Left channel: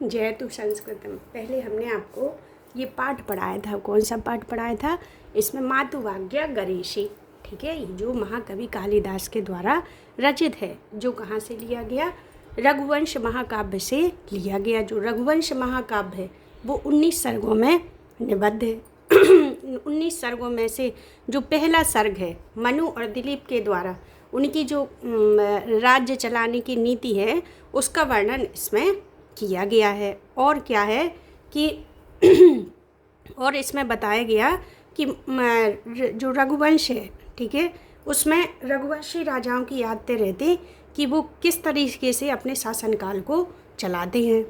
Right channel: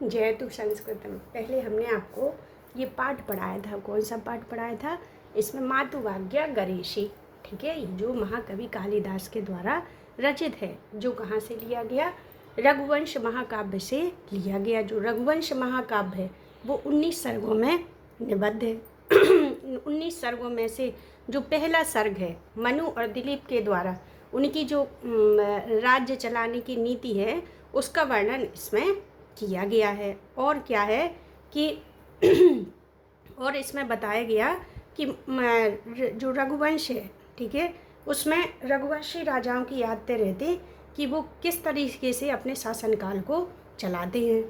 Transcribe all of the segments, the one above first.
जयतु संस्कृतम। पहले हमने आपको ये पाठ पढ़ाया था। कौन सा पाठ पढ़ाया था? इसमें मातुवाज्ञा गरीषि, ठीक है, जो महाकवि कालिदास के द्वारा रचित है, जो कहाँ से लिया गया? रघुवंश महाकाव्य से लिया गया। जो रघुवंश महाकाव्य है वो 19 सर्गों में निबद्ध है। 19 सर्गों में से जो पहला सर्ग है मनु और दिलीप के द्वारा उनकी जो राज्य चलाने की नीति है उसका वर्णन इसमें किया गया है। और क्या है कि और इसमें बताया गया कि जो रघुवंश है, ठीक है, उसमें रघुवंशी राजाओं की यादें रहती कि वो किस तरीके से अपने शासनकाल को चलाते हैं।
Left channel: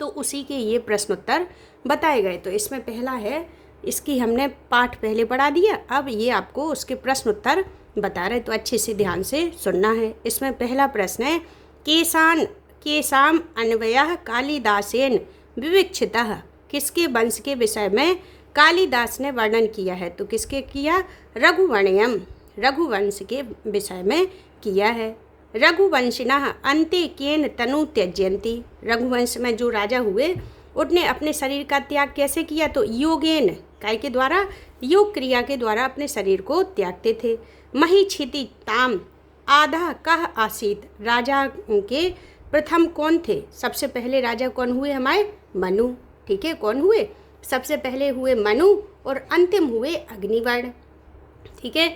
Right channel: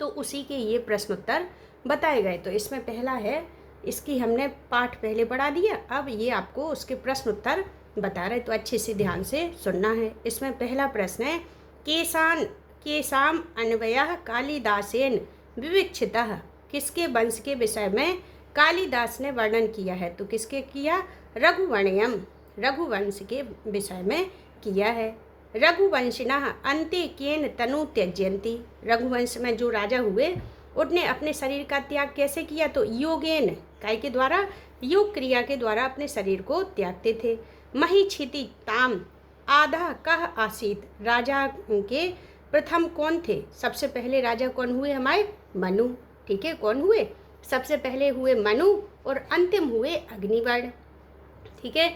तो उसी के ये प्रश्नोत्तर बताए गए। तो इसमें पहला है, इसकी हमने पाठ पहले पढ़ा दिया, अब ये आपको उसके प्रश्नोत्तर बता रहे, तो अच्छे से ध्यान से सुनना है। इसमें पहला प्रश्न है, केसाम अन्वयः कालिदासेन विविक्षितः। किसके वंश के विषय में कालिदास ने वर्णन किया है? तो किसके किया? रघुवण्यम, रघुवंश के विषय में किया है। रघुवंशिनः अन्ते केन तनु त्यज्यन्ति। रघुवंश में जो राजा हुए उनने अपने शरीर का त्याग कैसे किया? तो योगेन, काय के द्वारा? योग क्रिया के द्वारा अपने शरीर को त्यागते थे। महीक्षिति ताम आधा कह आसीत। राजा के प्रथम कौन थे? सबसे पहले राजा कौन हुए? हमारे मनु, ठीक है, कौन हुए? सबसे पहले हुए मनु और अंतिम हुए अग्निवर्ण, ठीक है।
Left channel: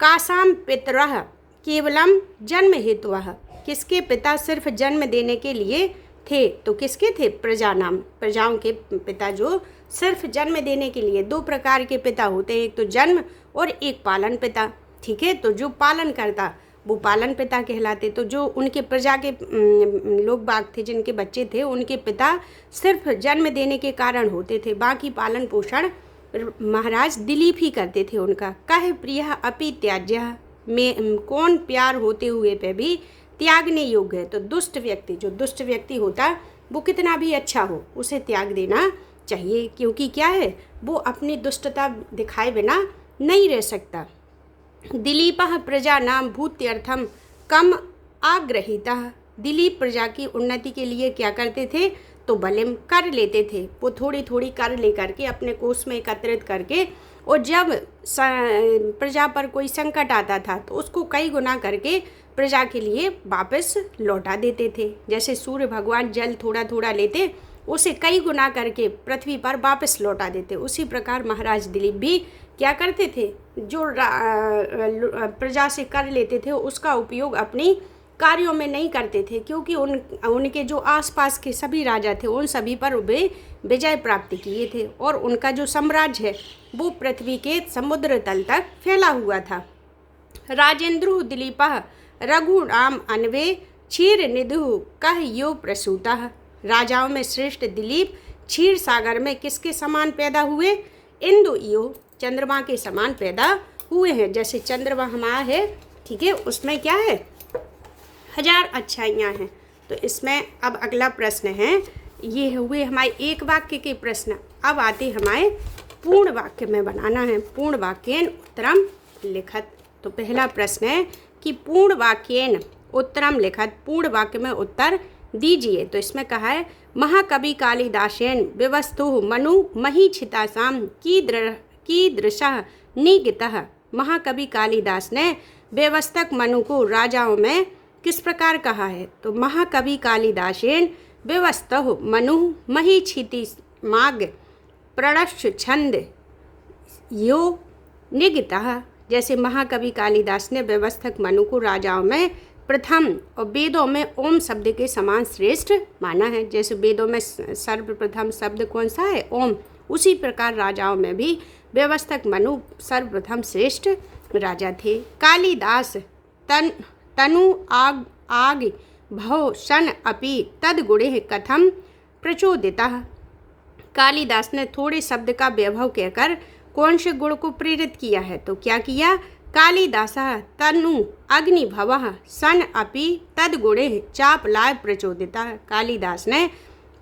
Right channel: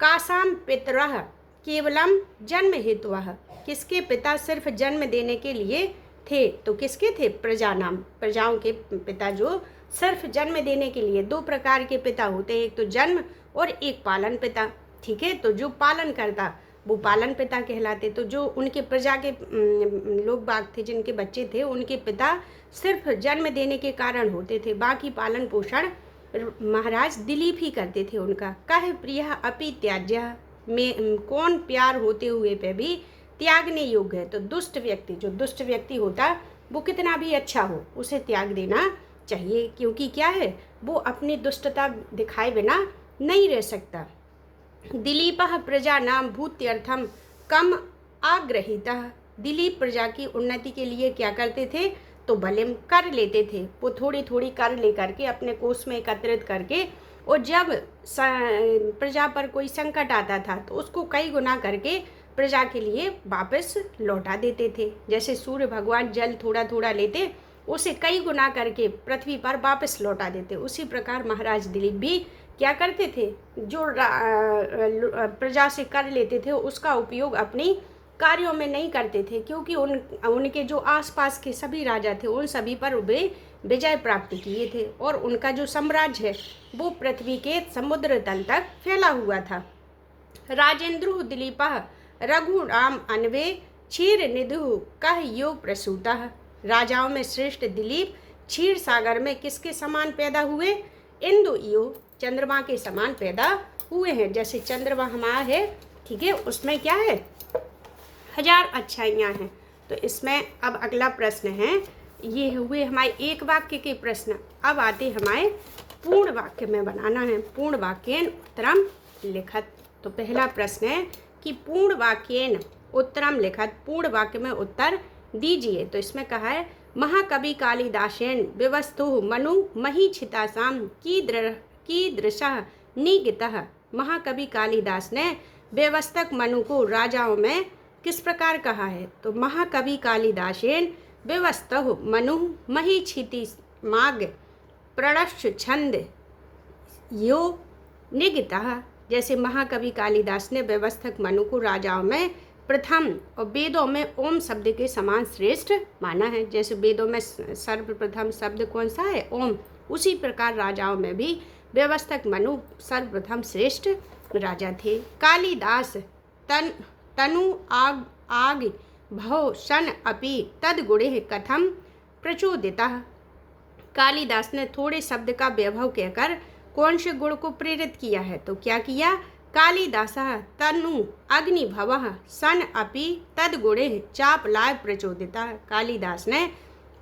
कासाम पितरः केवलम जन्म हेतुः। किसके पिता सिर्फ जन्म देने के लिए थे? तो किसके थे? प्रजानाम, प्रजाओं के पिता जो सिर्फ जन्म देने के लिए। दो प्रकार के पिता होते हैं, एक तो जन्म और एक पालन पिता, ठीक है। तो जो पालन करता वो पालन पिता कहलाते। तो जो उनके प्रजा के लोग बाग थे, जिनके बच्चे थे, उनके पिता सिर्फ जन्म देने के कारण होते थे, बाकी पालन पोषण महाराज दिलीप ही करते थे उनका। कह प्रिय अपि त्याज्य, में कौन प्यार होते हुए पे भी त्यागने योग्य है? तो दुष्ट व्यक्ति, जो दुष्ट व्यक्ति होता वो कितना भी अच्छा हो उसे त्याग देना चाहिए, क्योंकि क्या है, वो अपनी दुष्टता दिखाए बिना नहीं रह सकता। दिलीपः प्रजानां भूत्यर्थम कम आग्रहीतः। दिलीप प्रजा की उन्नति के लिए क्या करते थे? तो बलिम कर लेते थे। वो थोड़ी थोड़ी कर लेकर के अपने कोष में एकत्रित करके, और जब प्रजा पर कोई संकट आता था तो उसको कई गुना करके प्रजा के लिए वापस लौटा देते थे। जैसे सूर्य भगवान जल थोड़ा थोड़ा लेते, उसे कई गुना करके पृथ्वी पर वापस लौटा देते। उसी प्रकार महाराज दिलीप भी क्या करते थे? जो प्रजा से कर लेते थे उसका उपयोग अपनी कार्यों में नहीं करते थे, क्योंकि उनके जो आसपास के सभी राजा थे उन सभी पर वे विजय प्राप्त किए थे, और उनका जो साम्राज्य है वो पृथ्वी के समुद्र तल तक फैला हुआ था। राजेंद्रो दिलीपः रघुनाम अन्वे क्षीर निधु कह यो प्रसूतः। राजाओं में श्रेष्ठ दिलीप क्षीर सागर में किसके समान पैदा हुए? इंदु यो, चंद्रमा के समान पैदा हुए हैं। जैसे चंद्रमा हमारा है, ठीक है, उसमें क्या है? 1000 अच्छाइयाँ हैं। तो इसमें अब अगला प्रश्न है, ये हुए हमारे एक वाक्य के प्रश्न। अब आते हमारे पूर्ण वाक्य में बनाना है। पूर्ण वाक्येन उत्तरम लिखत। तो पहला प्रश्न है कि पूर्ण वाक्येन उत्तरम लिखत, पूर्ण वाक्य में उत्तर दीजिए। तो इसमें कहा है, महाकवि कालिदासेन व्यवस्थो मनु महीक्षितासाम कीदृशः निगतः। महाकवि कालिदास ने व्यवस्थक मनु को राजाओं में किस प्रकार कहा है? तो महाकवि कालिदासेन व्यवस्थो मनु महीक्षितिमाग प्रणश्च छंद यो निगतः। जैसे महाकवि कालिदास ने व्यवस्थक मनु को राजाओं में प्रथम और वेदों में ओम शब्द के समान श्रेष्ठ माना है। जैसे वेदों में सर्वप्रथम शब्द कौन सा है? ओम। उसी प्रकार राजाओं में भी व्यवस्थक मनु सर्वप्रथम श्रेष्ठ राजा थे। कालिदास तनु आग भव शन अपि तद्गुणे कथम प्रचोदितः। कालिदास ने थोड़े शब्द का वैभव कहकर कौन से गुण को प्रेरित किया है? तो क्या किया? कालिदासः तनु अग्निभवः सन अपि तद्गुणे चापलाय प्रचोदितः। कालिदास ने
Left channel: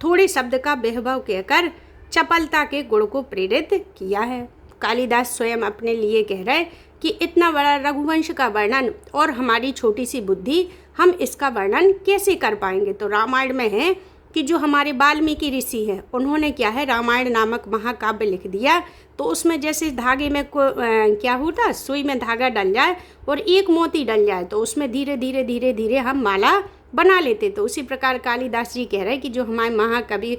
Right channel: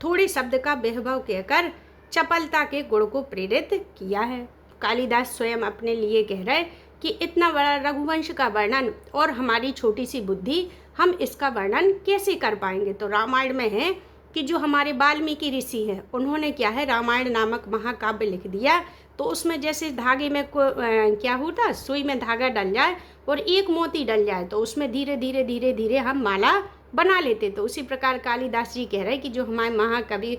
थोड़े शब्द का वैभव कहकर चपलता के गुण को प्रेरित किया है। कालिदास स्वयं अपने लिए कह रहे कि इतना बड़ा रघुवंश का वर्णन और हमारी छोटी सी बुद्धि हम इसका वर्णन कैसे कर पाएंगे। तो रामायण में है कि जो हमारे वाल्मीकि ऋषि हैं उन्होंने क्या है रामायण नामक महाकाव्य लिख दिया। तो उसमें जैसे धागे में क्या होता, सुई में धागा डल जाए और एक मोती डल जाए तो उसमें धीरे धीरे धीरे धीरे हम माला बना लेते। तो उसी प्रकार कालिदास जी कह रहे हैं कि जो हमारे महाकवि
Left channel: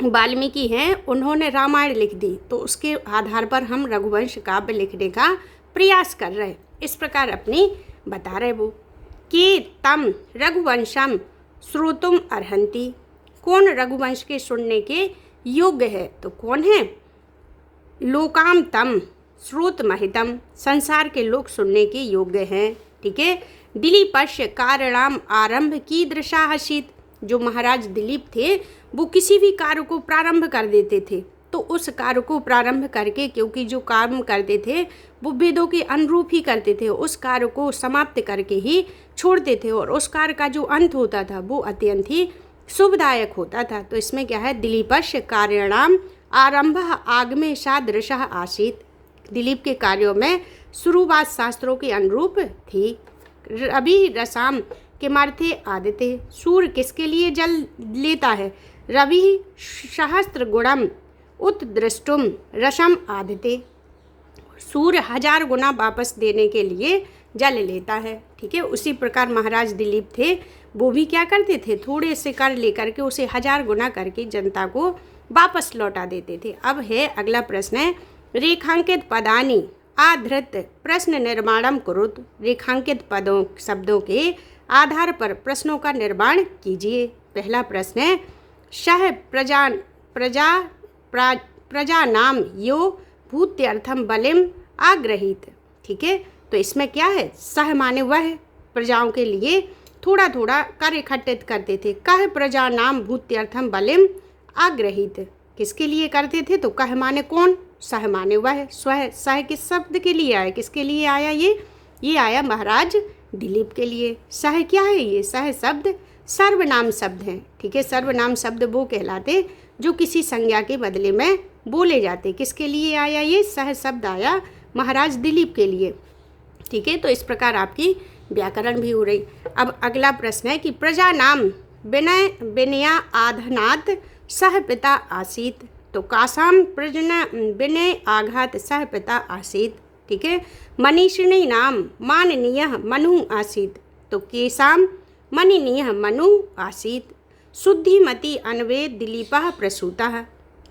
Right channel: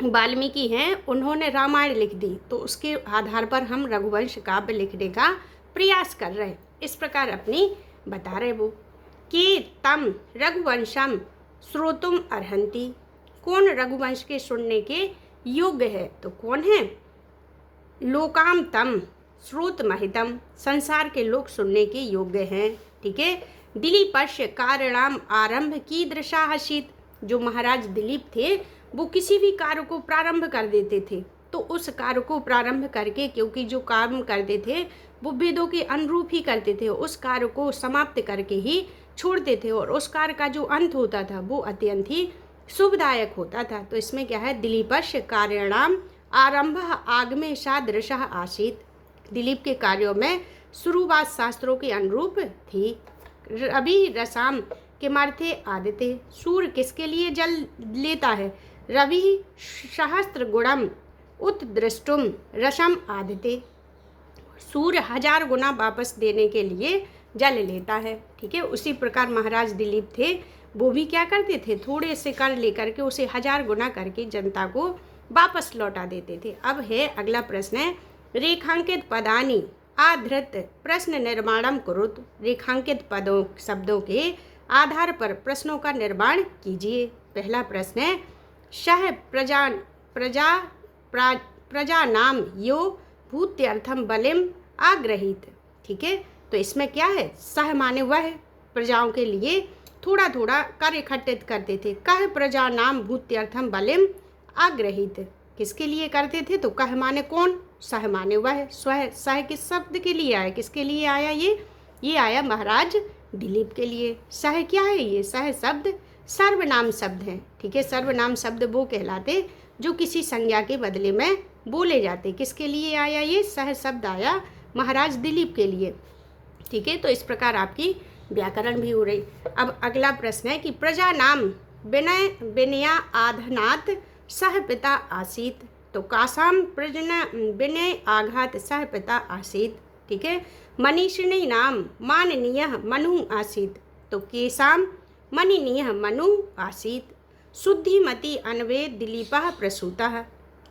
वाल्मीकि हैं उन्होंने रामायण लिख दी, तो उसके आधार पर हम रघुवंश काव्य लिखने का प्रयास कर रहे हैं। इस प्रकार अपनी बता रहे वो कि तम रघुवंशम श्रोतुम अर्हन्ति, कौन रघुवंश के सुनने के योग्य है। तो कौन है, लोकाम तम श्रोत महितम, संसार के लोग सुनने के योग्य हैं। ठीक है। दिलीपस्य कारणाम आरंभ की दृशाहसित, जो महाराज दिलीप थे वो किसी भी कार्य को प्रारंभ कर देते थे, तो उस कार्य को प्रारंभ करके, क्योंकि जो काम करते थे वो वेदों के अनुरूप ही करते थे, उस कार्य को समाप्त करके ही छोड़ते थे और उस कार्य का जो अंत होता था वो अत्यंत ही शुभदायक होता था। तो इसमें क्या है, दिलीपस्य कार्याणाम आरंभ आगमे सादृश आसीत, दिलीप के कार्यों में शुरुआत शास्त्रों के अनुरूप थी। रवि रसाम के मार्थे आदित्य, सूर्य किसके लिए जल लेता है, रवि सहस्त्र गुणम उत्दृष्टुम रसम आदित्य, सूर्य 1000 गुना वापस देने के लिए जल लेता है। ठीक है। उसी प्रकार महाराज दिलीप थे, वो भी क्या करते थे, थोड़े से कर लेकर के उसे 1000 गुना करके जनता को वापस लौटा देते थे। अब है अगला प्रश्न है, रेखांकित पदानी आधृत प्रश्न निर्माणम कुरुत, रेखांकित पदों शब्दों के आधार पर प्रश्नों का निर्माण कीजिए। पहला प्रश्न है, सह प्रजा नाम यो भूत्यर्थम बलिम आग्रहित। ठीक है। तो इसमें क्या है, सह माने वह प्रजाओं के लिए थोड़ा थोड़ा कर इकट्ठित करते थे। कह प्रजा नाम भूत्यर्थम बलिम आग्रहित, किसके लिए करते थे, तो कह माने कौन, सह माने वह, स्वह सह किस शब्द के लिए आया, किसके लिए आया, ये आया महाराज दिलीप के लिए। सह क्या है, ये सह शब्द सर्वनाम शब्द हैं। ठीक है। सर्वनाम शब्द वो कहलाते जो किसी संज्ञा के बदले में बोले जाते। किसके लिए आया, ये सह शब्द आया महाराज दिलीप के लिए। ठीक है। तो इस प्रकार आपकी व्याकरण भी हो रही। अब अगला प्रश्न है कि प्रजा नाम विनया आधनात् सह पिता आसीत, तो कासाम प्रजना विनय आघात सह पिता आसीत। ठीक है। मनीषिणी नाम माननीय मनु आसीत, तो केसाम मनीनीय मनु आसीत। शुद्धिमती अन्वे दिलीपः प्रसूतः,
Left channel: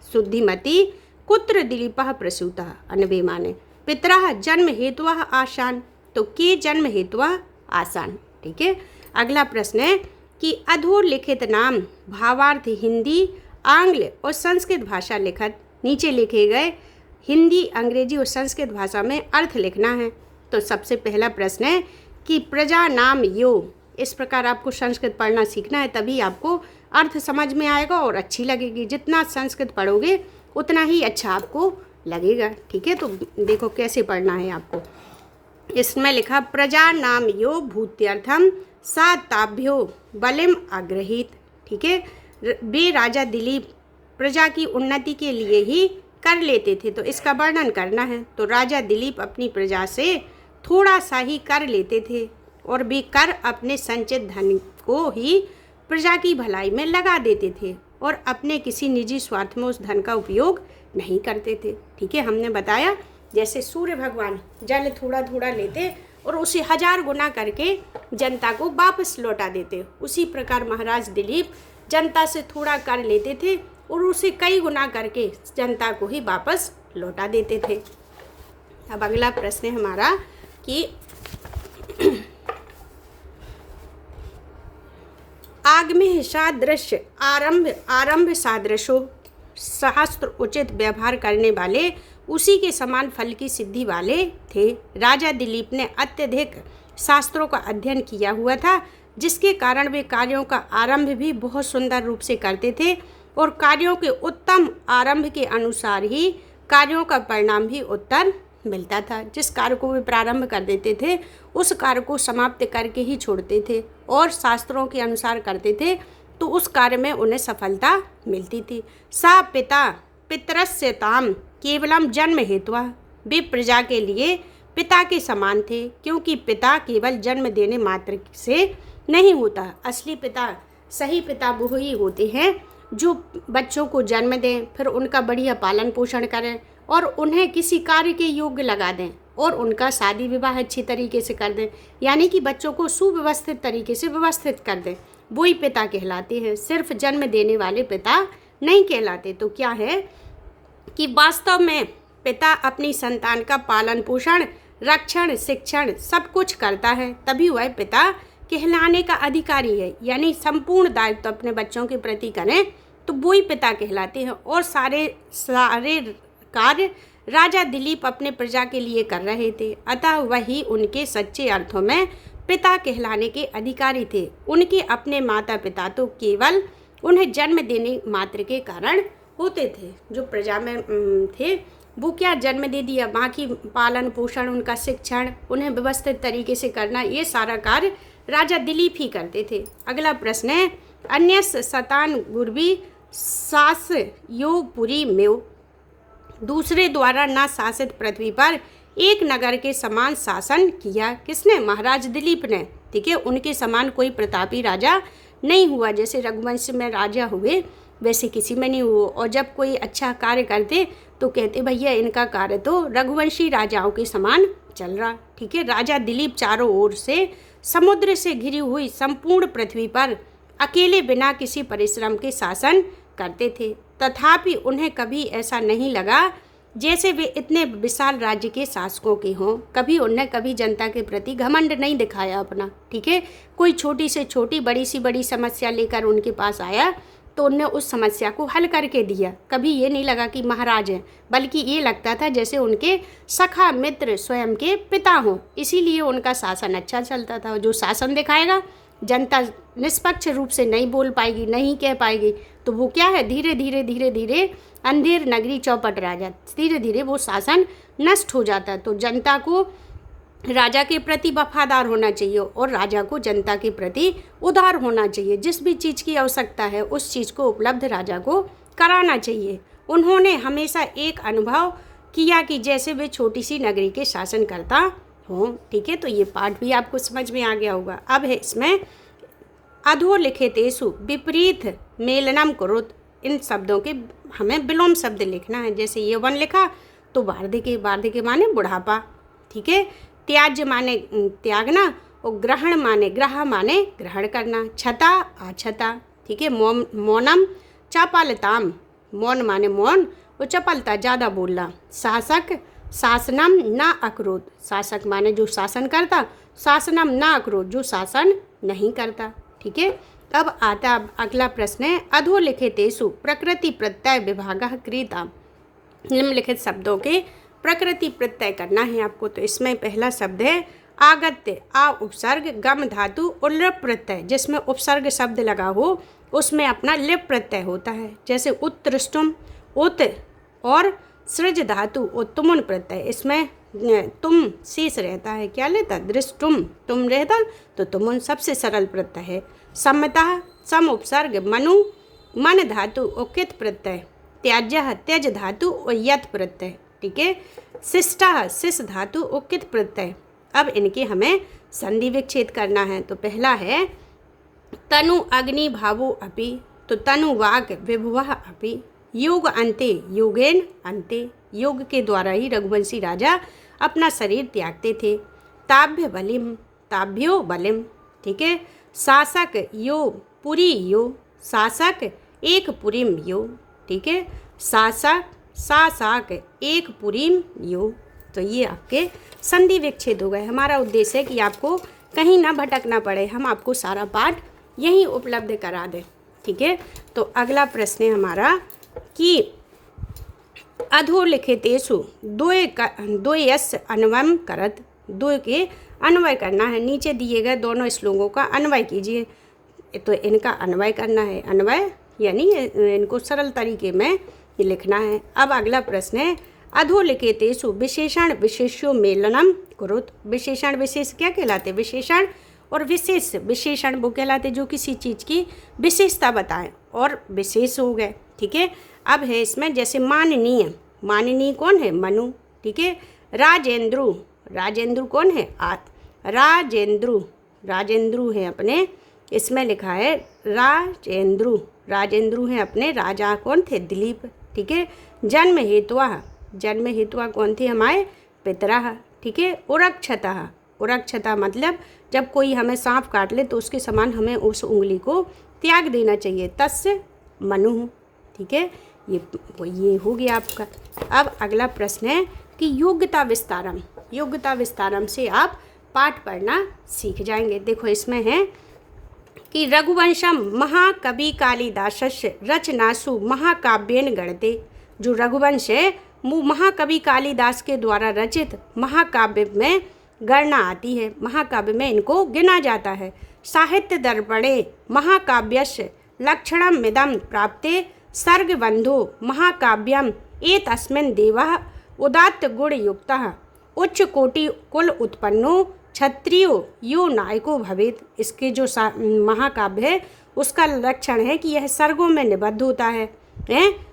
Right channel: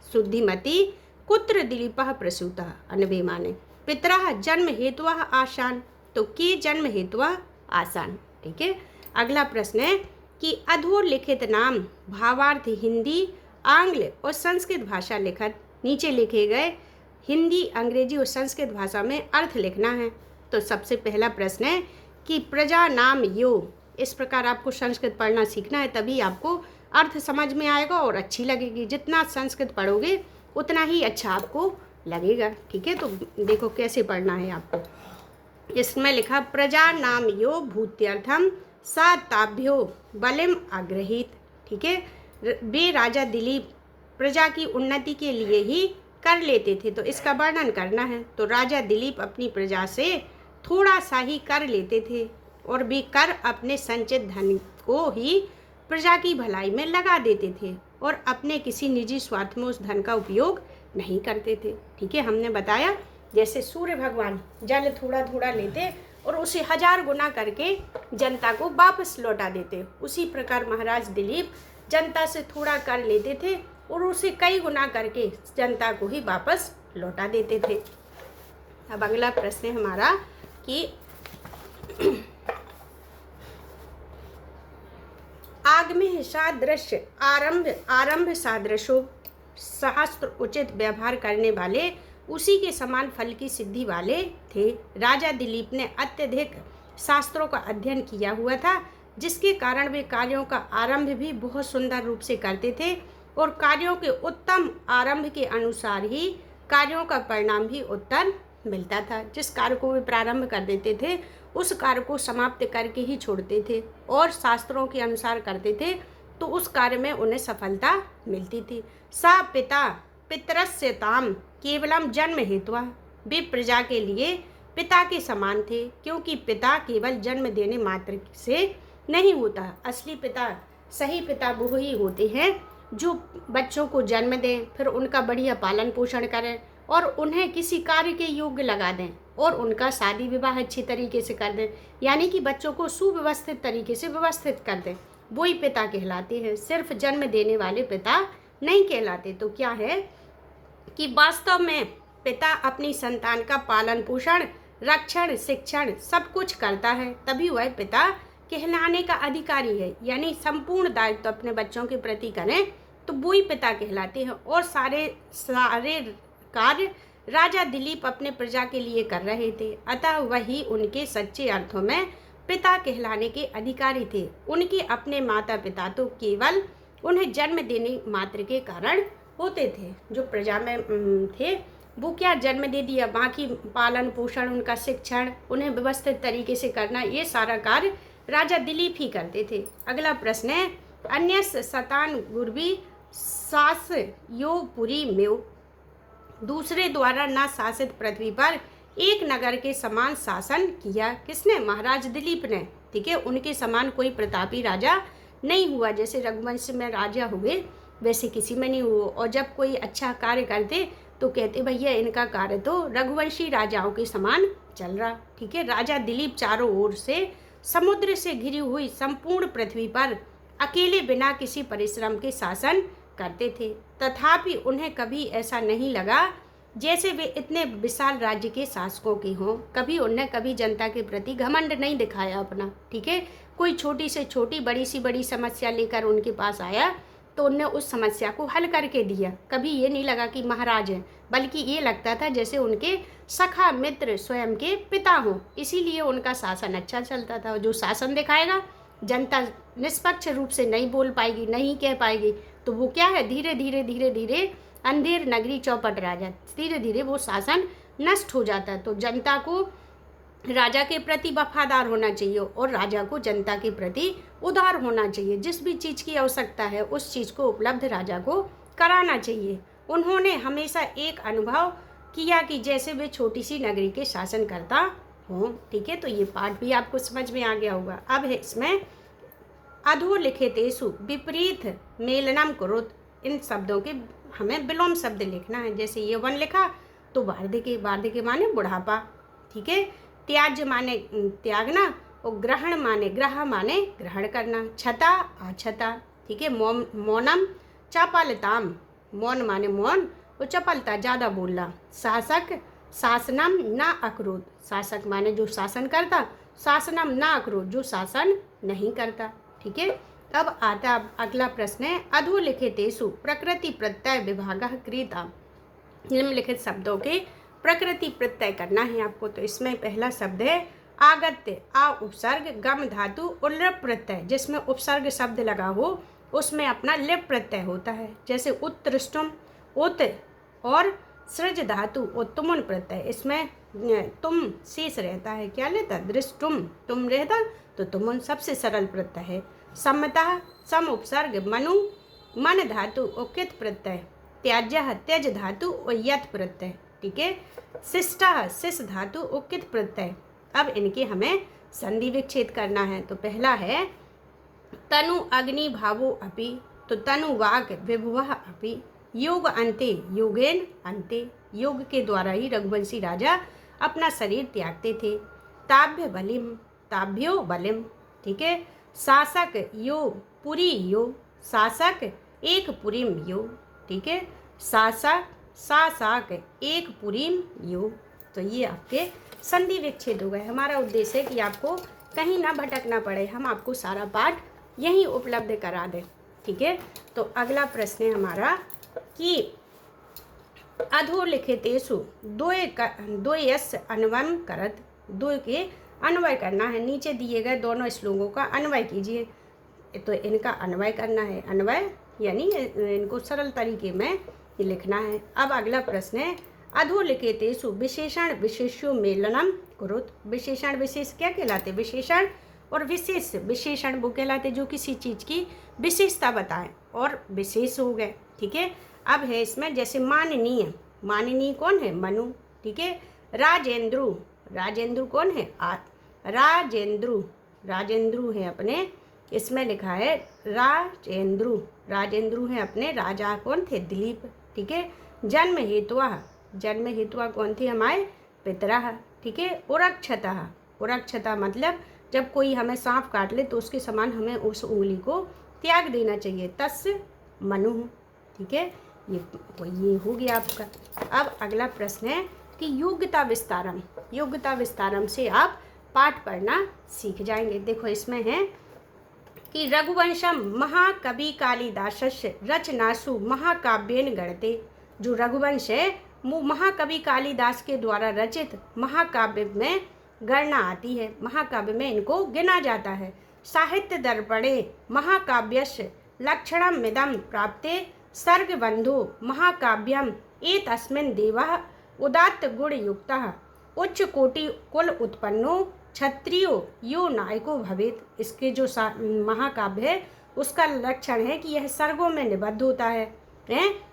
शुद्धिमती कुत्र दिलीपः प्रसूतः, अन्वे माने पितरः जन्म हेतुः आसान, तो के जन्म हेतुः आसान। ठीक है। अगला प्रश्न है कि अधोलिखित नाम भावार्थ हिंदी आंग्ल और संस्कृत भाषा लिखत, नीचे लिखे गए हिंदी अंग्रेजी और संस्कृत भाषा में अर्थ लिखना है। तो सबसे पहला प्रश्न है कि प्रजा नाम यो, इस प्रकार आपको संस्कृत पढ़ना सीखना है, तभी आपको अर्थ समझ में आएगा और अच्छी लगेगी। जितना संस्कृत पढ़ोगे उतना ही अच्छा आपको लगेगा। ठीक है। तो देखो कैसे पढ़ना है आपको। इसमें लिखा प्रजा नाम यो भूत्यर्थम सा ताभ्यो बलिम आग्रहित। ठीक है। वे राजा दिलीप प्रजा की उन्नति के लिए ही कर लेते थे, तो इसका वर्णन करना है। तो राजा दिलीप अपनी प्रजा से थोड़ा सा ही कर लेते थे और वे कर अपने संचित धन को ही प्रजा की भलाई में लगा देते थे और अपने किसी निजी स्वार्थ में उस धन का उपयोग नहीं करते थे। ठीक है। हमने बताया जैसे सूर्य भगवान जल थोड़ा थोड़ा लेते और उसे 1000 गुना करके जनता को वापस लौटा देते, उसी प्रकार महाराज दिलीप जनता से थोड़ा कर लेते थे और उसे कई गुना करके जनता को ही वापस लौटा देते थे। अब अगला प्रश्न है हमारा कि आगमे सादृश आरंभ सादृशो, शास्त्र उचित व्यवहार करने वाले उसी के समान फल की सिद्धि वाले थे। राजा दिलीप ने अत्यधिक शास्त्रों का अध्ययन किया हुआ था, जिसके कारण वे कार्यों का आरंभ भी बहुत सुंदर रूप से करते थे और कार्यों के उत्तम आरंभ के अनुसार ही कार्यों का परिणाम भी उत्तम मिलता था। जिस कार्य को वे प्रारंभ कर देते थे उस कार्य को समाप्त करके ही छोड़ते थे और शास्त्रों के अनुसार करते थे, तो उस कार्य में उन्हें सफलता मिलती थी। सा पिता पितरस्यताम केवलम जन्म हेतुः, वे प्रजा के लिए पिता के समान थे, क्योंकि पिता केवल जन्म देने मात्र से नहीं होता। असली पिता, सही पिता वो ही होते हैं जो बच्चों को जन्म दें, फिर उनका बढ़िया पालन पोषण करें और उन्हें किसी कार्य के योग्य लगा दें और उनका शादी विवाह अच्छी तरीके से कर दें, यानी कि बच्चों को सुव्यवस्थित तरीके से व्यवस्थित कर दें। वो ही पिता कहलाते हैं, सिर्फ जन्म देने वाले पिता नहीं कहलाते। तो क्या है कि वास्तव में पिता अपनी संतान का पालन पोषण, रक्षण, शिक्षण सब कुछ करता है, तभी वह पिता कहलाने का अधिकारी है। यानी संपूर्ण दायित्व अपने बच्चों के प्रति करें तो वो ही पिता कहलाते हैं। और सारे कार्य राजा दिलीप अपने प्रजा के लिए कर रहे थे, अतः वही उनके सच्चे अर्थों में पिता कहलाने के अधिकारी थे। उनके अपने माता पिता तो केवल उन्हें जन्म देने मात्र के कारण होते थे। जो प्रजा में थे वो क्या जन्म दे दिया, बाकी पालन पोषण, उनका शिक्षण, उन्हें व्यवस्थित तरीके से करना, ये सारा कार्य राजा दिलीप ही करते थे। अगला प्रश्न है, अन्य सतान गुरबी सास यो पुरी मेव। दूसरे द्वारा न शासित पृथ्वी पर एक नगर के समान शासन किया। किसने? महाराज दिलीप ने। ठीक है, उनके समान कोई प्रतापी राजा नहीं हुआ। जैसे रघुवंश में राजा हुए वैसे किसी में नहीं हुआ। और जब कोई अच्छा कार्य करते तो कहते भैया इनका कार्य तो रघुवंशी राजाओं के समान चल रहा। ठीक है, राजा दिलीप चारों ओर से समुद्र से घिरी हुई संपूर्ण पृथ्वी पर अकेले बिना किसी परिश्रम के शासन करते थे। तथापि उन्हें कभी ऐसा नहीं लगा जैसे वे इतने विशाल राज्य के शासकों के हों। कभी जनता के प्रति घमंड नहीं दिखाया अपना। ठीक है, कोई छोटी से छोटी, बड़ी सी बड़ी समस्या लेकर उनके पास आया तो उनने उस समस्या को हल करके दिया। कभी ये नहीं लगा कि महाराज हैं, बल्कि ये लगता था जैसे उनके सखा मित्र स्वयं के पिता हों। इसीलिए उनका शासन अच्छा चलता था। जो शासन दिखाएगा जनता निष्पक्ष रूप से नहीं बोल पाएगी, नहीं कह पाएगी, तो वो क्या है, धीरे धीरे अंधेर नगरी चौपट राजा, धीरे धीरे वो शासन नष्ट हो जाता। तो जनता को राजा के प्रति वफादार होना चाहिए और राजा को जनता के प्रति उदार होना चाहिए। जिस भी चीज़ की आवश्यकता है उस चीज़ को उपलब्ध राजा को कराना चाहिए। उन्होंने हमेशा एक अनुभव किया कि जैसे वे छोटी सी नगरी के शासन करता हों। ठीक है, तो ये पाठ भी आपको समझ में आ गया होगा। अब है इसमें अधोलिखितेषु विपरीत मेलनम कुरुत। इन शब्दों के हमें विलोम शब्द लिखना है। जैसे ये वन लिखा तो वार्धक्य माने बुढ़ापा। ठीक है, त्याज्य माने त्यागना और ग्रहण माने ग्रह माने ग्रहण करना, छता अछता। ठीक है, मौनम चपलताम, मौन माने मौन और चपलता ज़्यादा बोलना। शासक शासनम न अक्रोध, शासक माने जो शासन करता, शासनम न अक्रोध जो शासन नहीं करता। ठीक है, अब आता अगला प्रश्न है, अधोलिखितेषु प्रकृति प्रत्यय विभागः क्रियताम्। निम्नलिखित शब्दों के प्रकृति प्रत्यय करना है आपको। तो इसमें पहला शब्द है आगत्य, आ उपसर्ग, गम धातु और लिप प्रत्यय। जिसमें उपसर्ग शब्द लगा हो उसमें अपना लिप प्रत्यय होता है। जैसे उत्तृष्टुम, उत और सृज धातु और तुमुन प्रत्यय। इसमें तुम शेष रहता है, क्या लेता, दृष्टुम, तुम रहता तो तुमुन सबसे सरल प्रत्यय है। सम्मता, सम उपसर्ग, मनु मन धातु और कित प्रत्यय। त्याज्य, त्यज धातु और यत प्रत्यय। ठीक है, शिष्टा, शिष धातु और कित प्रत्यय। अब इनके हमें संधि विच्छेद करना है। तो पहला है तनु अग्नि भावो अपि, तो तनु वाक विभुवः अपि। योग अंते, योगेन अंते, योग के द्वारा ही रघुवंशी राजा अपना शरीर त्यागते थे। ताभ्य बलिम, ताभ्यो बलिम। ठीक है, शासक यो पुरी यो, शासक एक पुरीम यो। ठीक है, शासक शासक एक पुरीम यो। तो ये आपके संधि विच्छेद हो गए। हमारा उद्देश्य है कि आपको कहीं ना भटकना पड़े, हम आपको सारा पाठ यहीं उपलब्ध करा दें। ठीक है, तो अगला प्रश्न है हमारा कि अधोलिखितेषु द्वयस्य अन्वयम् करत। द्वय के अन्वय करना है। नीचे दिए गए दोनों श्लोकों का अन्वय कीजिए। तो इनका अन्वय करना है। अन्वय यानी इनको सरल तरीके में लिखना है। अब अगला प्रश्न है अधोलिखितेषु विशेषण विशेष्यो मेलनम कुरुत। विशेषण विशेष क्या कहलाते? विशेषण और विशेष। विशेषण वो कहलाते जो किसी चीज़ की विशेषता बताएं और विशेष हो गए। ठीक है, अब है इसमें जैसे माननीय, माननीय कौन है? मनु। ठीक है, राजेंद्रु, राजेंद्रु कौन है? राजेंद्रु। राजेंद्रु हैं अपने, इसमें लिखा है राजेंद्रु, राजेंद्रु हैं अपने राजा कौन थे? दिलीप। ठीक है। जन्म हेतुआ कौन थे? हमारे पितरः। ठीक है। उरक्षता मतलब जब कोई हमें सांप काट ले तो उसके समान हमें उस उंगली को त्याग देना चाहिए, तस्य मनुः। ठीक है। ये हो गया आपका। अब अगला प्रश्न है कि योग्यता विस्तारम से आप पाठ पढ़ना सीख जाएंगे। देखो इसमें है कि रघुवंशम महाकवि कालिदासस्य रचनासु महाकाव्येन गणते। जो रघुवंश है वो महाकवि कालिदास के द्वारा रचित महाकाव्य में गणना आती है, महाकाव्य में इनको गिना जाता है। साहित्य दर्पणे महाकाव्यस्य लक्षणमिदं प्राप्ते सर्गबन्धो महाकाव्यम एतस्मिन् देवः उदात्त गुणयुक्तः उच्च कोटि कुल उत्पन्नो क्षत्रियो यो नायको भवेत्। इसके जो महाकाव्य है उसका लक्षण है कि यह सर्गों में निबद्ध होता है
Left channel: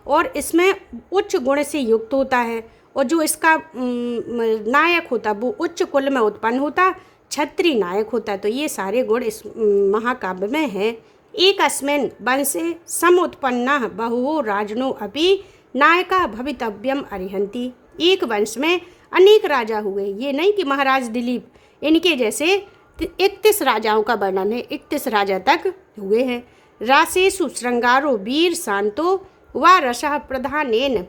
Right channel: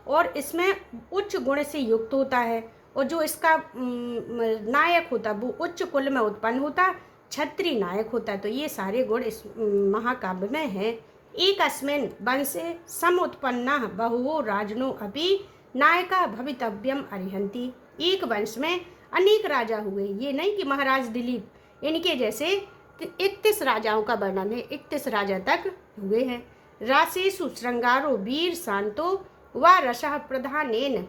और इसमें उच्च गुण से युक्त होता है, और जो इसका नायक होता वो उच्च कुल में उत्पन्न होता, क्षत्रिय नायक होता है। तो ये सारे गुण इस महाकाव्य में हैं। एकस्मिन् वंशे समुत्पन्नः बहुवो राजनो अपि नायका भवितव्यम अर्हन्ति। एक वंश में अनेक राजा हुए, ये नहीं कि महाराज दिलीप, इनके जैसे 31 राजाओं का वर्णन है, 31 राजा तक हुए हैं। रासेषु श्रृंगारो वीर शांतो व रसः प्रधानेन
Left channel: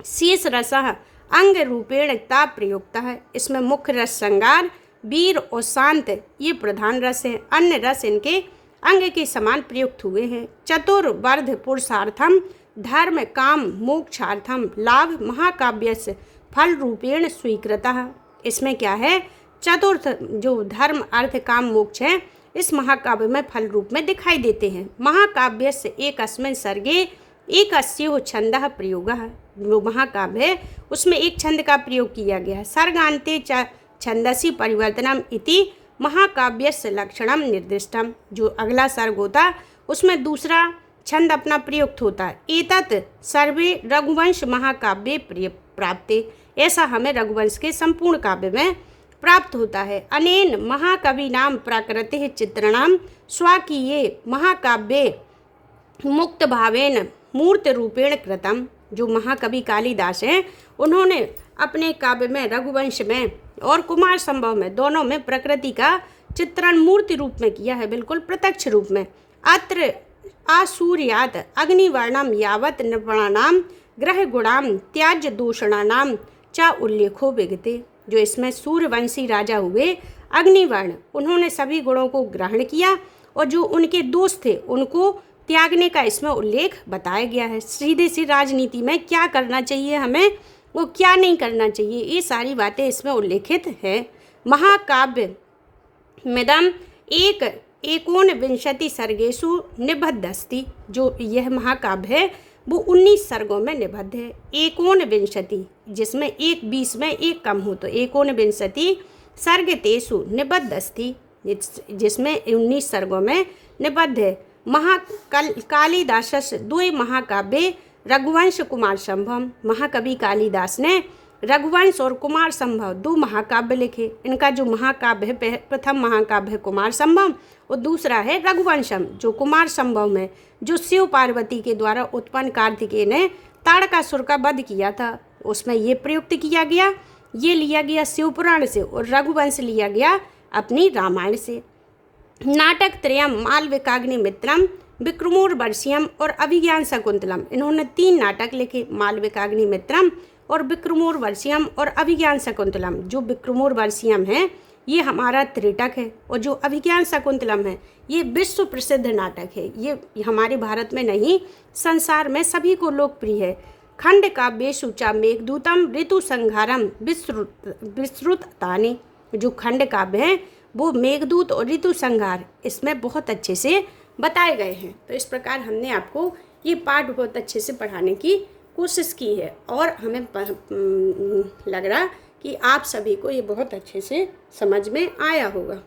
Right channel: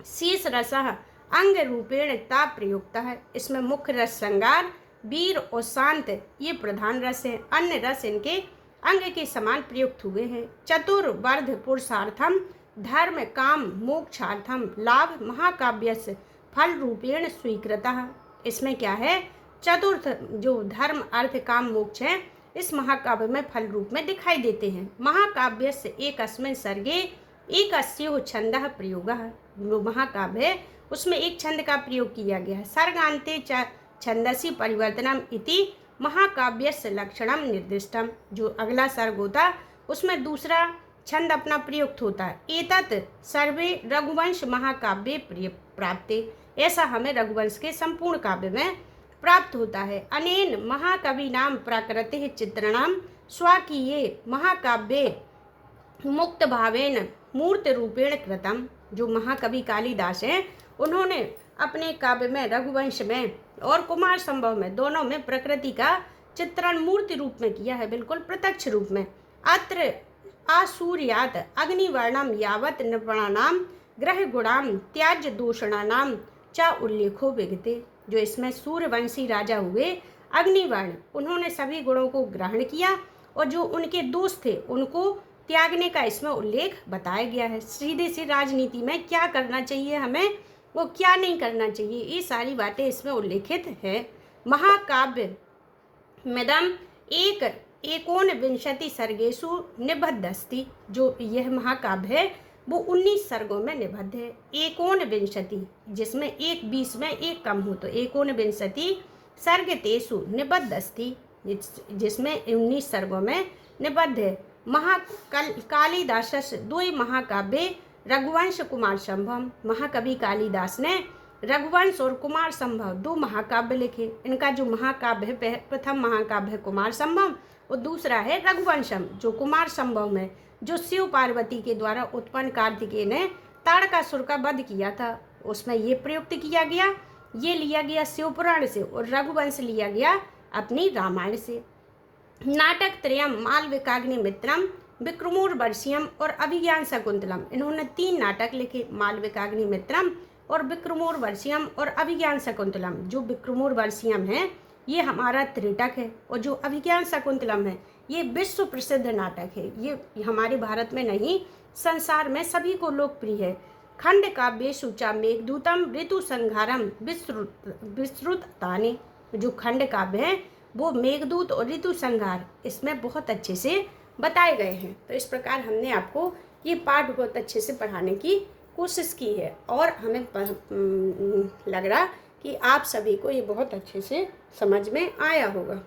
शेष रसः अंग रूपेण ता प्रयुक्त है। इसमें मुख्य रस श्रृंगार, वीर और शांत ये प्रधान रस हैं, अन्य रस इनके अंग के समान प्रयुक्त हुए हैं। चतुर्वर्ध पुरुषार्थम धर्म काम मोक्षार्थम लाभ महाकाव्यस्य फल रूपेण स्वीकृतः। इसमें क्या है? चतुर्थ जो धर्म अर्थ काम मोक्ष है इस महाकाव्य में फल रूप में दिखाई देते हैं। महाकाव्यस्य एकस्मिन् सर्गे एकस्यो छंदः प्रयोगः। जो महाकाव्य है उसमें एक छंद का प्रयोग किया गया है। सर्गान्ते छंदसि परिवर्तनम इति महाकाव्यस्य लक्षणम निर्दिष्टम। जो अगला सर्ग होता उसमें दूसरा छंद अपना प्रयुक्त होता है। एतत् सर्वे रघुवंश महाकाव्ये प्राप्ते। ऐसा हमें रघुवंश के संपूर्ण काव्य में प्राप्त होता है। अनेन महाकविनाम प्राकृतिः चित्रणम स्वाकीये महाकाव्ये मुक्त भावेन मूर्त रूपेण कृतम। जो महाकवि कालिदास हैं उन्होंने अपने काव्य में रघुवंश में और कुमार संभव में दोनों में प्रकृति का चित्रण मूर्ति रूप में किया है, बिल्कुल प्रत्यक्ष रूप में। अत्र आसूर्यात अग्निवर्णम यावत नृपणानाम ग्रह गुणाम त्याज्य दूषणानाम च उल्लेखो विगते। जो इसमें सूर्यवंशी राजा हुए अग्निवर्ण, उन्होंने सभी गुणों को ग्रहण किया और जो उनके दोष थे उनको त्यागने का इसमें उल्लेख बताया गया है। सीधे सी राजनीति में क्या करना चाहिए हमें, वो क्या नहीं करना चाहिए, ये सारी बातें इसमें उल्लेखित है। महाकाव्य मिदम एकोनविंशति सर्गेषु निबद्ध अस्ति। जो यह महाकाव्य है वो 19 सर्गों में निबद्ध है। एकोनविंशति जिसमें एक 20 में एक कम हो तो एकोनविंशति सर्गतेषु निबद्ध अस्ति, जिसमें 19 सर्गों में निबद्ध है। कालिदासस्य द्वे महाकाव्ये रघुवंश कुमार संभव। महाकवि कालिदास ने रघुवंश और कुमार संभव 2 महाकाव्य लिखे। इनका जो महाकाव्य है, प्रथम महाकाव्य है कुमार संभव और दूसरा है रघुवंशम। जो कुमार संभव में जो शिव पार्वती के द्वारा उत्पन्न कार्तिकेय ने ताड़कासुर का वध किया था उसमें ये प्रयुक्त किया गया, ये लिया गया शिवपुराण से, और रघुवंश लिया गया अपनी रामायण से। नाटक त्रयम मालविकाग्निमित्रम विक्रमोर्वशीयम और अभिज्ञान शकुंतलम। इन्होंने 3 नाटक लिखे, मालविकाग्निमित्रम और विक्रमोर्वशीयम और अभिज्ञान शकुंतलम। जो विक्रमोर्वशीयम है ये हमारा त्रिटक है और जो अभिज्ञान शकुंतलम है ये विश्व प्रसिद्ध नाटक है। ये हमारे भारत में नहीं संसार में सभी को लोकप्रिय है। खंड काव्येषु च मेघदूतम ऋतु संहारम विस्तृतानि। जो खंड काव्य है वो मेघदूत और ऋतु संहार इसमें बहुत अच्छे से बताए गए हैं। तो इस प्रकार हमने आपको ये पाठ बहुत अच्छे से पढ़ाने की कोशिश की है और हमें लग रहा कि आप सभी को ये बहुत अच्छे से समझ में आया होगा।